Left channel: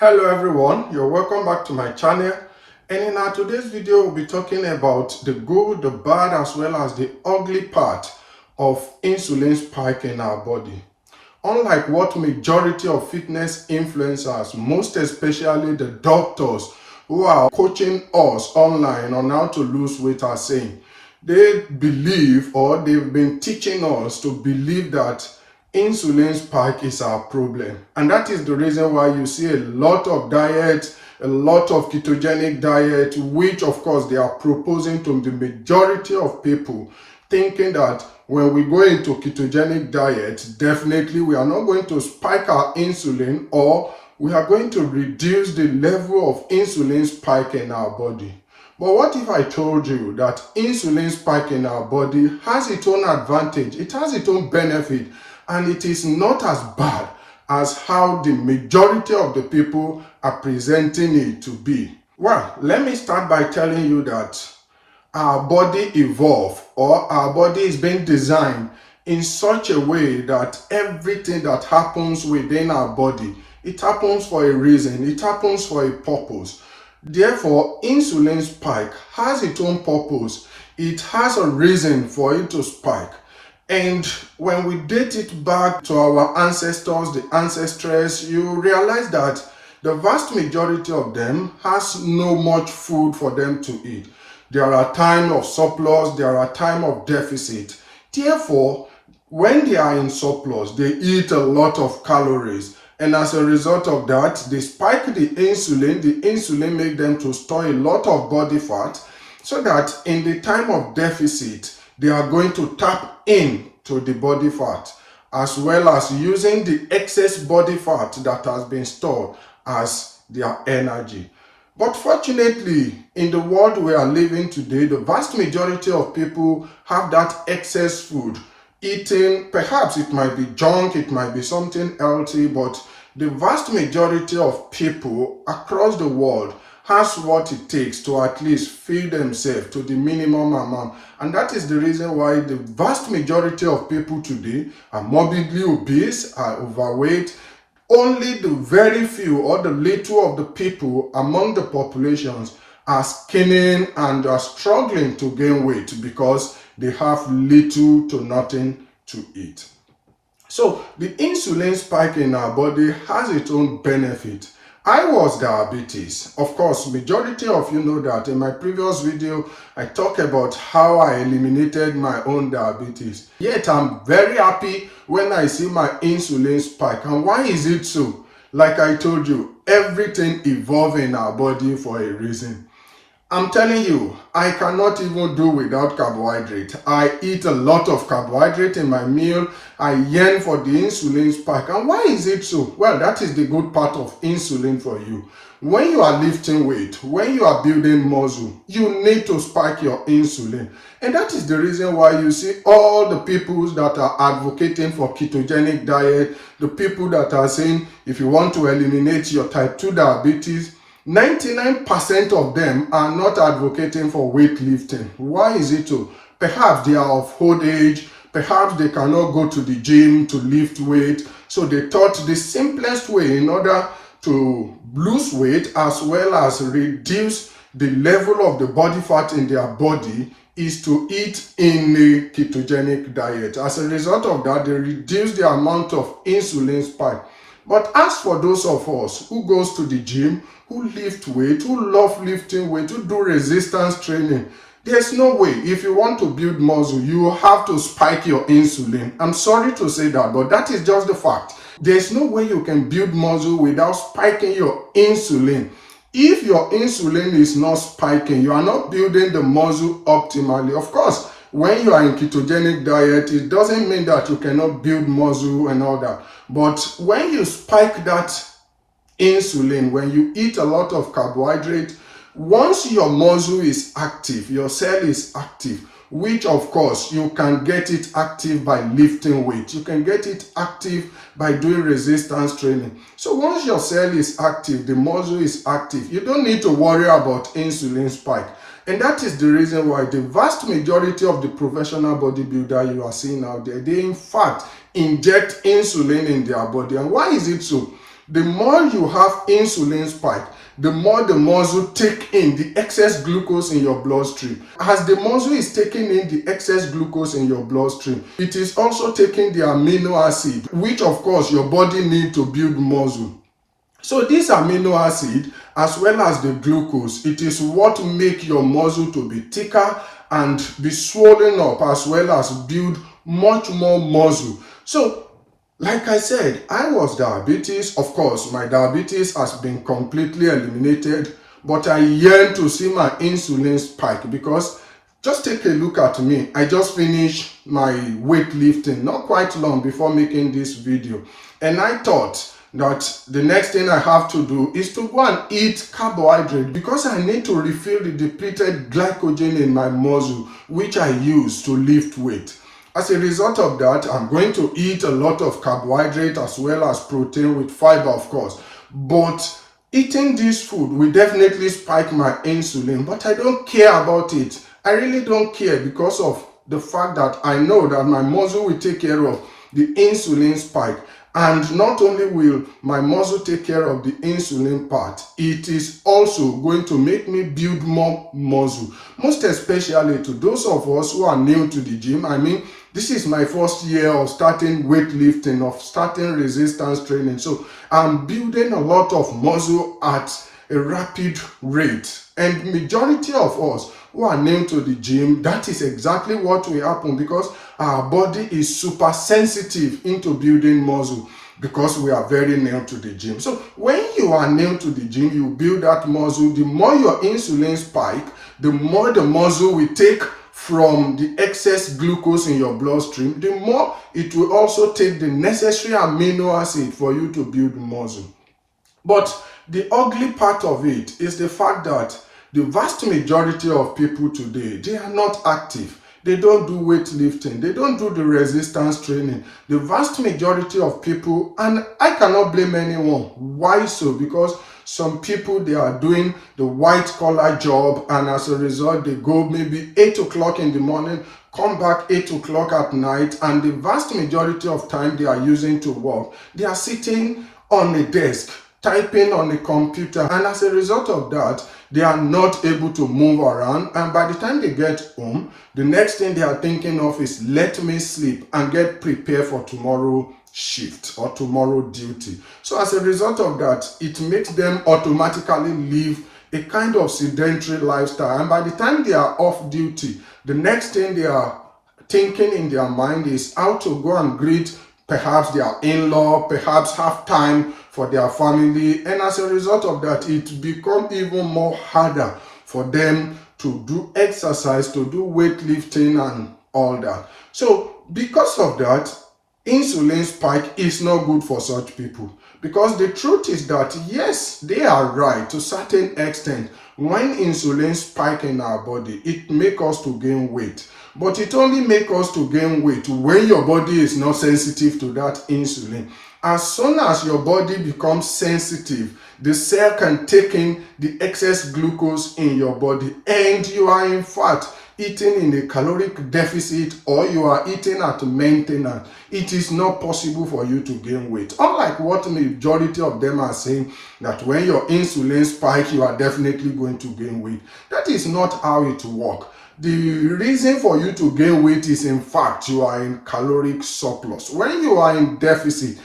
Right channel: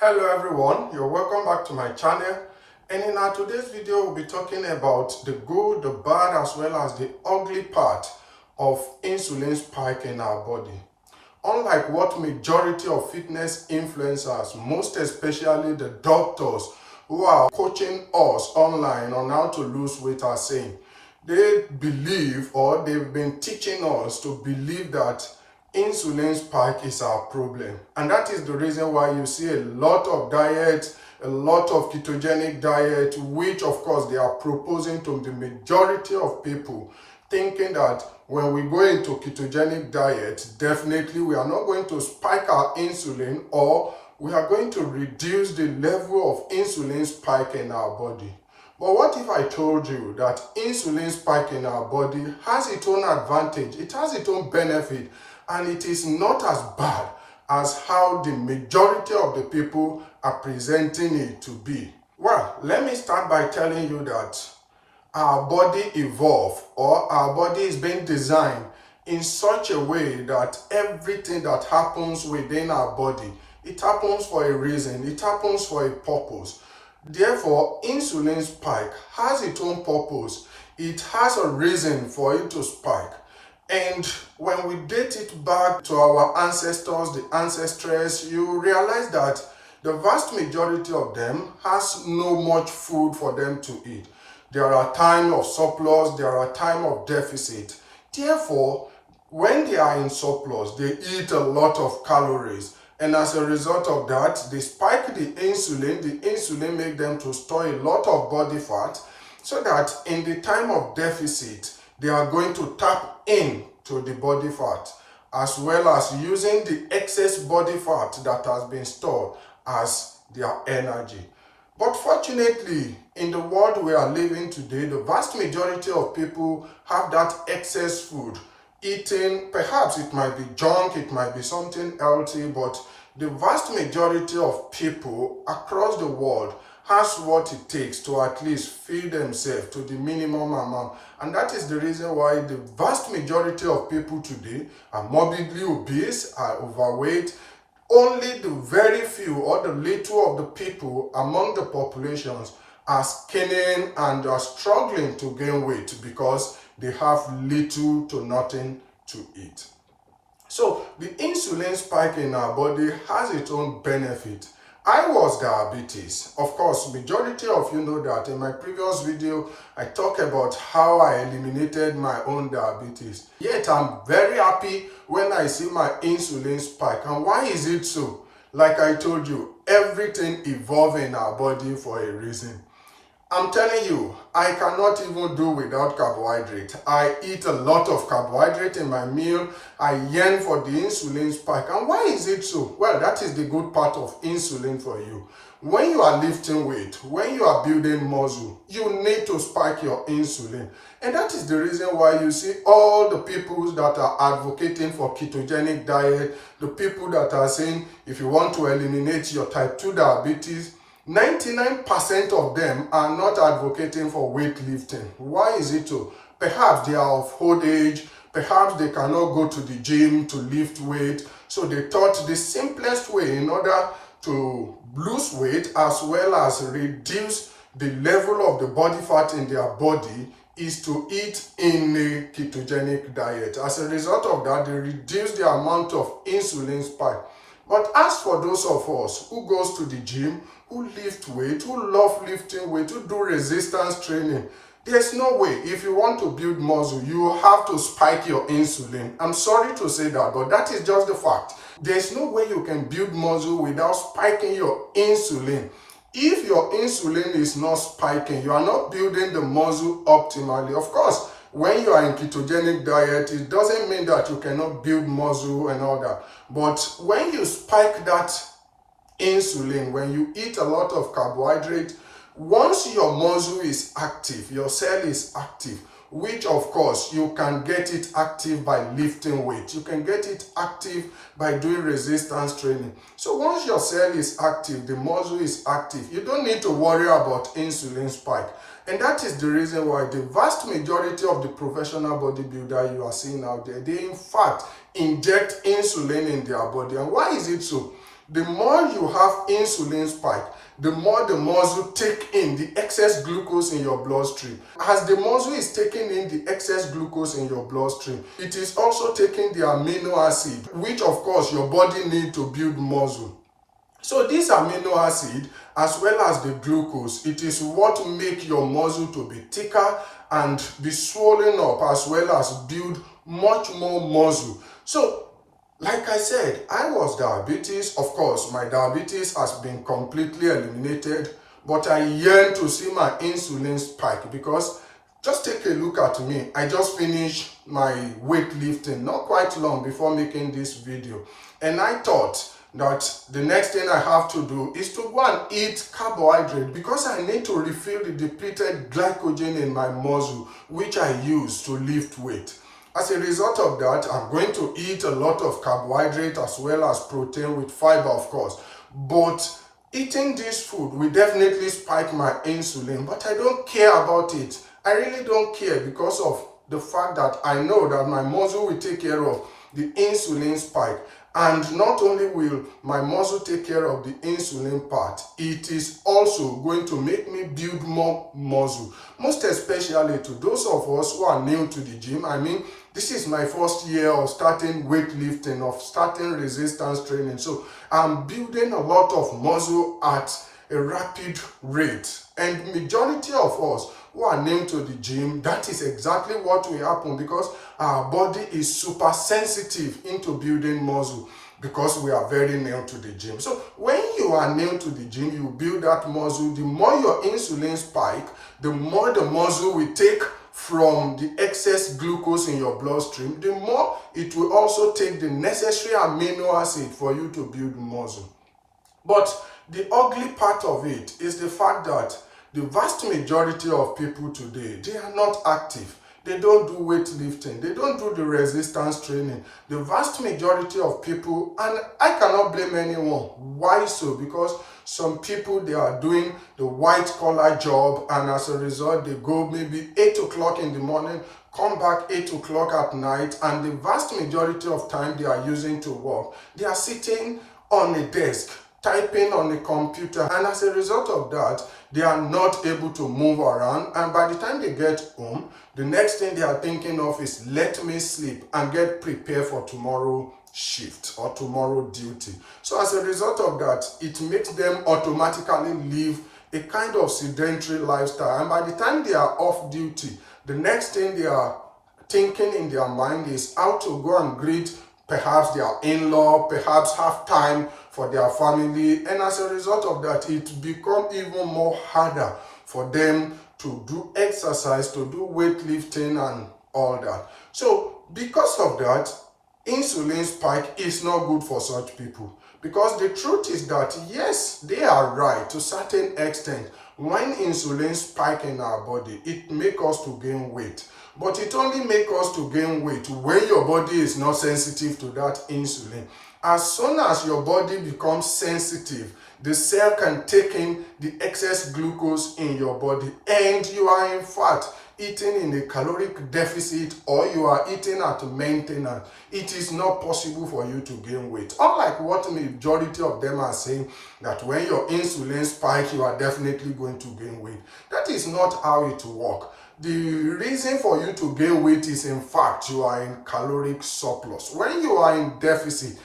Hello everyone, you're welcome back to my channel, and in our today's video we'll be talking about the good, the bad, as well as the ugly part of insulin spike in our body. Unlike what majority of fitness influencers, most especially the doctors who are coaching us online on how to lose weight, are saying, they believe, or they've been teaching us to believe, that insulin spike is our problem. And that is the reason why you see a lot of diets, a lot of ketogenic diet, which of course they are proposing to the majority of people, thinking that when we go into ketogenic diet, definitely we are not going to spike our insulin, or we are going to reduce the level of insulin spike in our body. But what if I told you that insulin spike in our body has its own advantage, it has its own benefit, and it is not as bad as how the majority of the people are presenting it to be? Well, let me start by telling you that our body evolved, or our body is being designed in such a way that everything that happens within our body, it happens for a reason, it happens for a purpose. Therefore, insulin spike has its own purpose. It has a reason for it to spike. And when we date it back to our ancestors, the ancestors, you realize that the vast majority of them has no much food for them to eat. There are times of surplus, there are times of deficit. Therefore, when they are in surplus, they eat a lot of calories. And as a result of that, they spike the insulin. The insulin makes them to store a lot of body fat, so that in the time of deficit, they are going to tap in to the body fat, as well as using the excess body fat that has been stored as their energy. But fortunately, in the world we are living today, the vast majority of people have that excess food eating. Perhaps it might be junk, it might be something healthy, but the vast majority of people across the world has what it takes to at least feed themselves to the minimum amount. And that is the reason why the vast majority of people today are morbidly obese, are overweight. Only the very few, or the little of the people among the populations, are skinning and are struggling to gain weight because they have little to nothing to eat. So the insulin spike in our body has its own benefit. I was diabetes. Of course, majority of you know that in my previous video, I talked about how I eliminated my own diabetes. Yet I'm very happy when I see my insulin spike. And why is it so? Like I told you, everything evolves in our body for a reason. I'm telling you, I cannot even do without carbohydrate. I eat a lot of carbohydrate in my meal. I yearn for the insulin spike. And why is it so? Well, that is the good part of insulin for you. When you are lifting weight, when you are building muscle, you need to spike your insulin. And that is the reason why you see all the people that are advocating for ketogenic diet, the people that are saying if you want to eliminate your type 2 diabetes, 99% of them are not advocating for weightlifting. Why is it so? Perhaps they are of old age, perhaps they cannot go to the gym to lift weight, so they thought the simplest way in order to lose weight as well as reduce the level of the body fat in their body is to eat in a ketogenic diet. As a result of that, they reduce the amount of insulin spike. But as for those of us who goes to the gym, who lift weight, who love lifting weight, who do resistance training, there's no way. If you want to build muscle, you have to spike your insulin. I'm sorry to say that, but that is just the fact. There's no way you can build muscle without spiking your insulin. If your insulin is not spiking, you are not building the muscle optimally. Of course, when you are in ketogenic diet, it doesn't mean that you cannot build muscle and all that. But when you spike that insulin, when you eat a lot of carbohydrate, once your muscle is active, your cell is active, which of course you can get it active by lifting weight. You can get it active by doing resistance training. So once your cell is active, the muscle is active, you don't need to worry about insulin spike. And that is the reason why the vast majority of the professional bodybuilder you are seeing out there, they in fact inject insulin in their body. And why is it so? The more you have insulin spike, the more the muscle take in the excess glucose in your bloodstream. As the muscle is taking in the excess glucose in your bloodstream, it is also taking the amino acid, which of course your body needs to build muscle. So this amino acid as well as the glucose, it is what make your muscle to be thicker and be swollen up as well as build much more muscle. So like I said, I was diabetes. Of course, my diabetes has been completely eliminated, but I yearn to see my insulin spike because just take a look at me. I just finished my weightlifting not quite long before making this video, and I thought that the next thing I have to do is to go and eat carbohydrate because I need to refill the depleted glycogen in my muscle, which I use to lift weight. As a result of that, I'm going to eat a lot of carbohydrate as well as protein with fiber, of course. But eating this food will definitely spike my insulin, but I don't care about it. I really don't care because of the fact that I know that my muscle will take care of the insulin spike. And not only will my muscle take care of the insulin part, it is also going to make me build more muscle. Most especially to those of us who are new to the gym. I mean, this is my first year of starting weightlifting, of starting resistance training. So I'm building a lot of muscle at a rapid rate. And majority of us who are new to the gym, that is exactly what will happen because our body is super sensitive into building muscle because we are very new to the gym. So when you are new to the gym, you build that muscle. The more your insulin spike, the more the muscle will take from the excess glucose in your bloodstream, the more it will also take the necessary amino acid for you to build muscle. But the ugly part of it is the fact that the vast majority of people today, they are not active. They don't do weightlifting. They don't do the resistance training. The vast majority of people, and I cannot blame anyone. Why so? Because some people, they are doing the white collar job, and as a result, they go maybe 8 o'clock in the morning, come back 8 o'clock at night, and the vast majority of time they are using to work, they are sitting on a desk, typing on a computer, and as a result of that, they are not able to move around, and by the time they get home, the next thing they are thinking of is let me sleep and get prepared for tomorrow shift or tomorrow duty. So as a result of that, it makes them automatically live a kind of sedentary lifestyle, and by the time they are off duty, the next thing they are thinking in their mind is how to go and greet perhaps their in-law, perhaps have time for their family, and as a result of that, it becomes even more harder for them to do exercise, to do weightlifting and all that. So because of that, insulin spike is not good for such people, because the truth is that yes, they are right to a certain extent. When insulin spike in our body, it makes us to gain weight. But it only makes us to gain weight when your body is not sensitive to that insulin. As soon as your body becomes sensitive, the cell can take in the excess glucose in your body, and you are in fact eating in a caloric deficit, or you are eating at maintenance. It is not possible for you to gain weight. Unlike what the majority of them are saying, that when your insulin spikes, you are definitely going to gain weight. That is not how it works. The reason for you to gain weight is in fact you are in caloric surplus. When you are in deficit,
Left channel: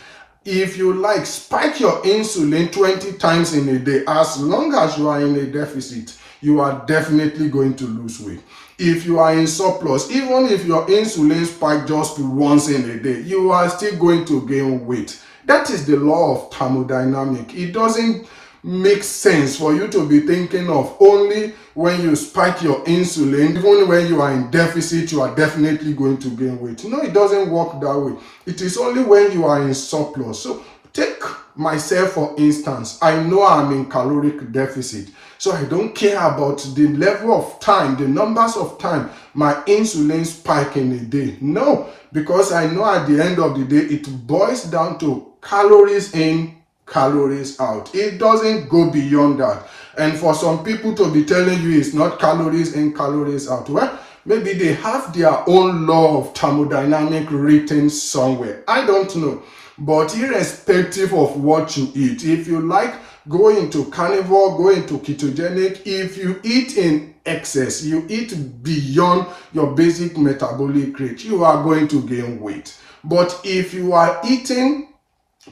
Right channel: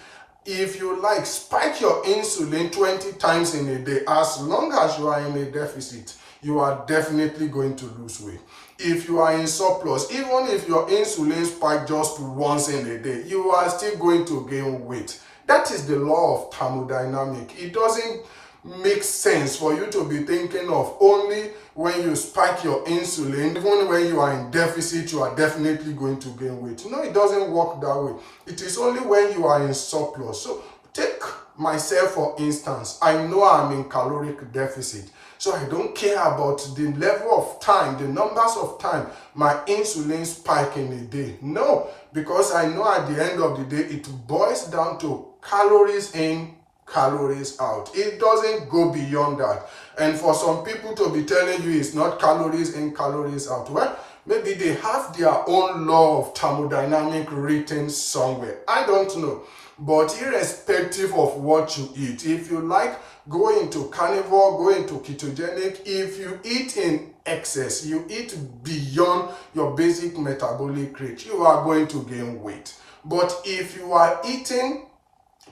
if you like, spike your insulin 20 times in a day. As long as you are in a deficit, you are definitely going to lose weight. If you are in surplus, even if your insulin spike just once in a day, you are still going to gain weight. That is the law of thermodynamics. It doesn't make sense for you to be thinking of only when you spike your insulin, even when you are in deficit, you are definitely going to gain weight. No, it doesn't work that way. It is only when you are in surplus. So take myself for instance. I know I'm in caloric deficit, so I don't care about the level of time, the numbers of time my insulin spike in a day. No, because I know at the end of the day, it boils down to calories in, calories out. It doesn't go beyond that. And for some people to be telling you it's not calories in, calories out, well, maybe they have their own law of thermodynamic written somewhere. I don't know. But irrespective of what you eat, if you like, go into carnivore, go into ketogenic. If you eat in excess, you eat beyond your basic metabolic rate, you are going to gain weight. But if you are eating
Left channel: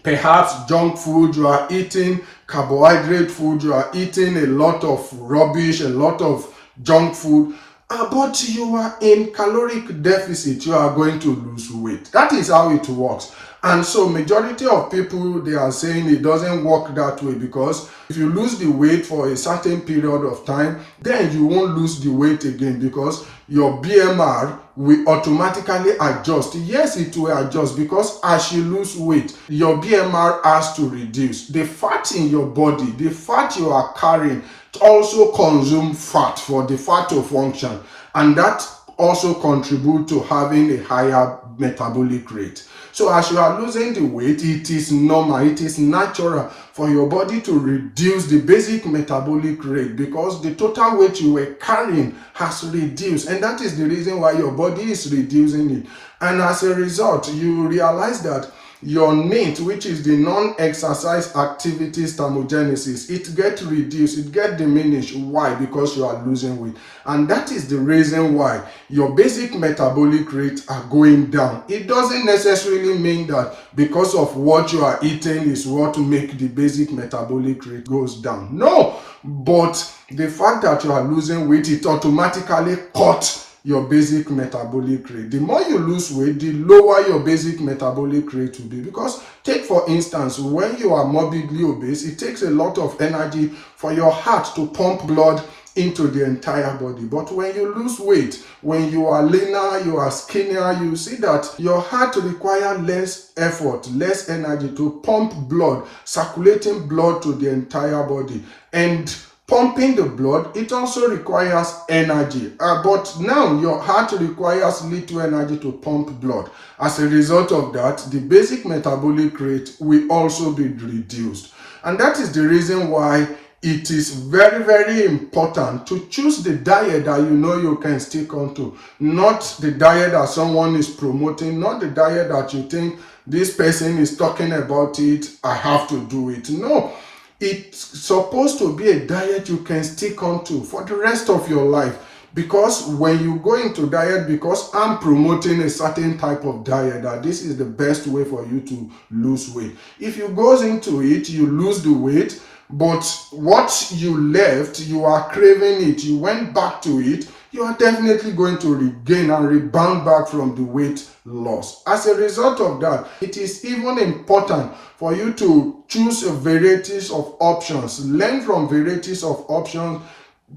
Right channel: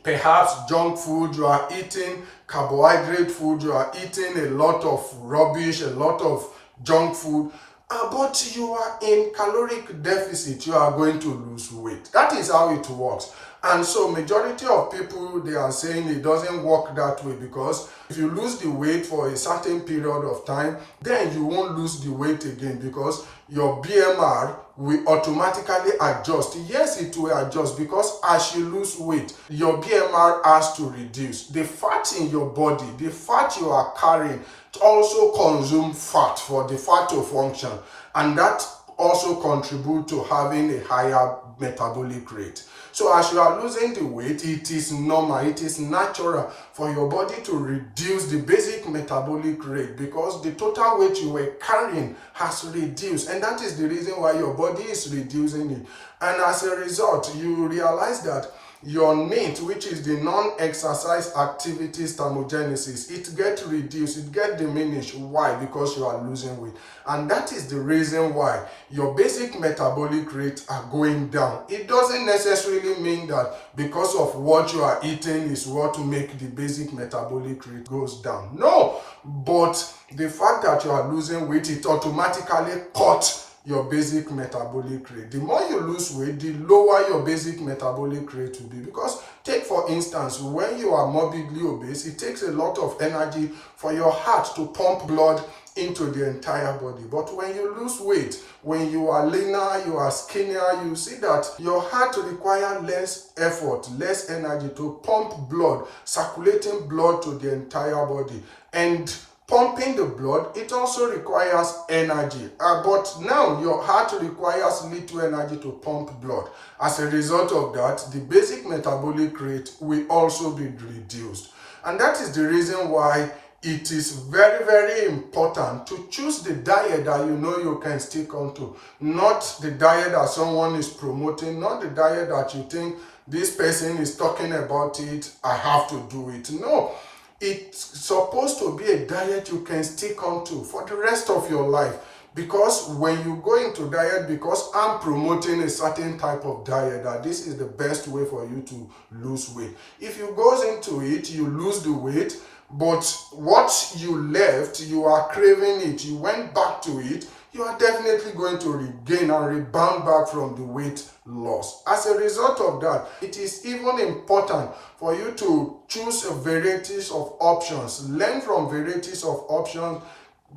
perhaps junk food, you are eating carbohydrate food, you are eating a lot of rubbish, a lot of junk food, but you are in caloric deficit, you are going to lose weight. That is how it works. And so majority of people, they are saying it doesn't work that way, because if you lose the weight for a certain period of time, then you won't lose the weight again, because your BMR will automatically adjust. Yes, it will adjust, because as you lose weight, your BMR has to reduce. The fat in your body, the fat you are carrying, also consume fat for the fat to function, and that also contribute to having a higher metabolic rate. So as you are losing the weight, it is normal, it is natural for your body to reduce the basic metabolic rate, because the total weight you were carrying has reduced, and that is the reason why your body is reducing it. And as a result, you realize that your NEAT, which is the non-exercise activities thermogenesis, it gets reduced, it gets diminished. Why? Because you are losing weight. And that is the reason why your basic metabolic rates are going down. It doesn't necessarily mean that because of what you are eating is what make the basic metabolic rate goes down. No, but the fact that you are losing weight, it automatically cuts your basic metabolic rate. The more you lose weight, the lower your basic metabolic rate will be. Because take for instance, when you are morbidly obese, it takes a lot of energy for your heart to pump blood into the entire body. But when you lose weight, when you are leaner, you are skinnier, you see that your heart requires less effort, less energy to pump blood, circulating blood to the entire body. And pumping the blood, it also requires energy, but now your heart requires little energy to pump blood. As a result of that, the basic metabolic rate will also be reduced. And that is the reason why it is very, very important to choose the diet that you know you can stick onto, not the diet that someone is promoting, not the diet that you think this person is talking about it, I have to do it. No. It's supposed to be a diet you can stick onto for the rest of your life. Because when you go into diet, because I'm promoting a certain type of diet, that this is the best way for you to lose weight. If you go into it, you lose the weight, but what you left, you are craving it, you went back to it, you are definitely going to regain and rebound back from the weight loss. As a result of that, it is even important for you to choose varieties of options, learn from varieties of options,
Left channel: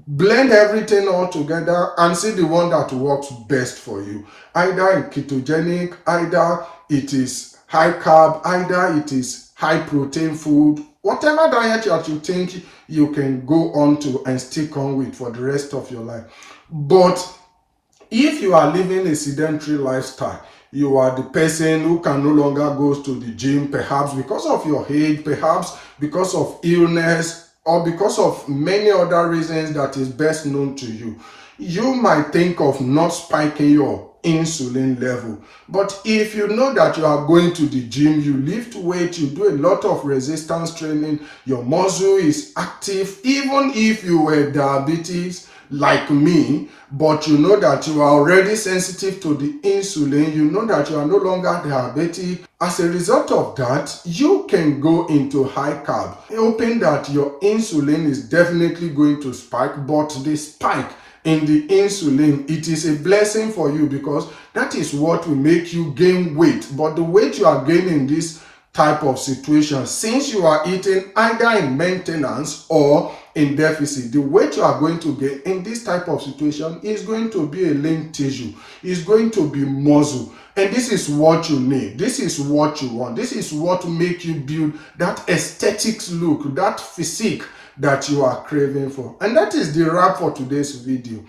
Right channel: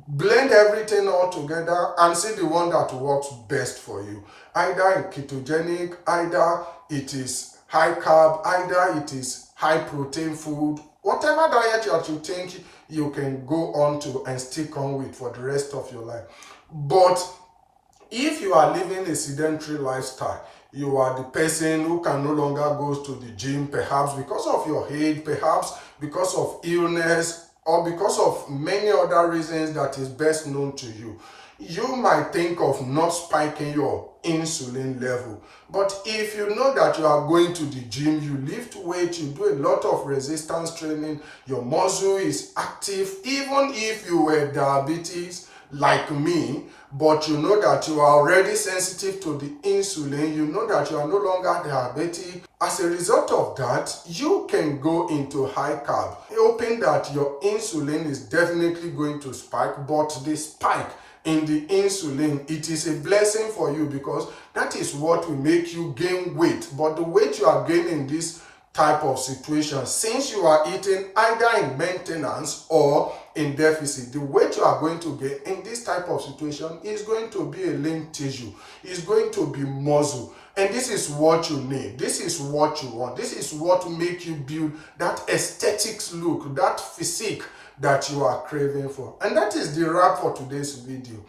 blend everything all together and see the one that works best for you. Either in ketogenic, either it is high carb, either it is high protein food, whatever diet that you think you can go on to and stick on with for the rest of your life. But if you are living a sedentary lifestyle, you are the person who can no longer go to the gym, perhaps because of your age, perhaps because of illness, or because of many other reasons that is best known to you, you might think of not spiking your insulin level. But if you know that you are going to the gym, you lift weight, you do a lot of resistance training, your muscle is active, even if you were diabetes like me, but you know that you are already sensitive to the insulin, you know that you are no longer diabetic. As a result of that, you can go into high carb, hoping that your insulin is definitely going to spike, but the spike in the insulin, it is a blessing for you, because that is what will make you gain weight. But the weight you are gaining this type of situation, since you are eating either in maintenance or in deficit, the weight you are going to gain in this type of situation is going to be a lean tissue, is going to be muscle. And this is what you need, this is what you want, this is what will make you build that aesthetics look, that physique that you are craving for. And that is the wrap for today's video.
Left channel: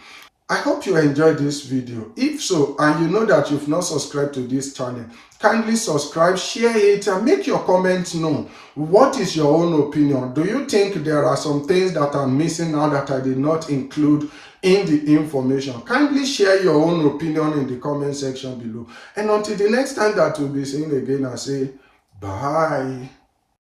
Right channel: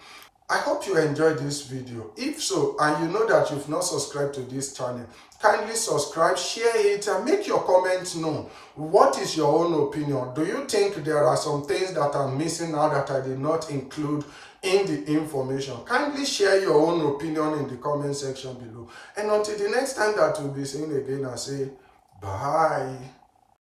I hope you enjoyed this video. If so, and you know that you've not subscribed to this channel, kindly subscribe, share it, and make your comments known. What is your own opinion? Do you think there are some things that are missing now that I did not include in the information? Kindly share your own opinion in the comment section below. And until the next time that we'll be seeing again, I say Bye.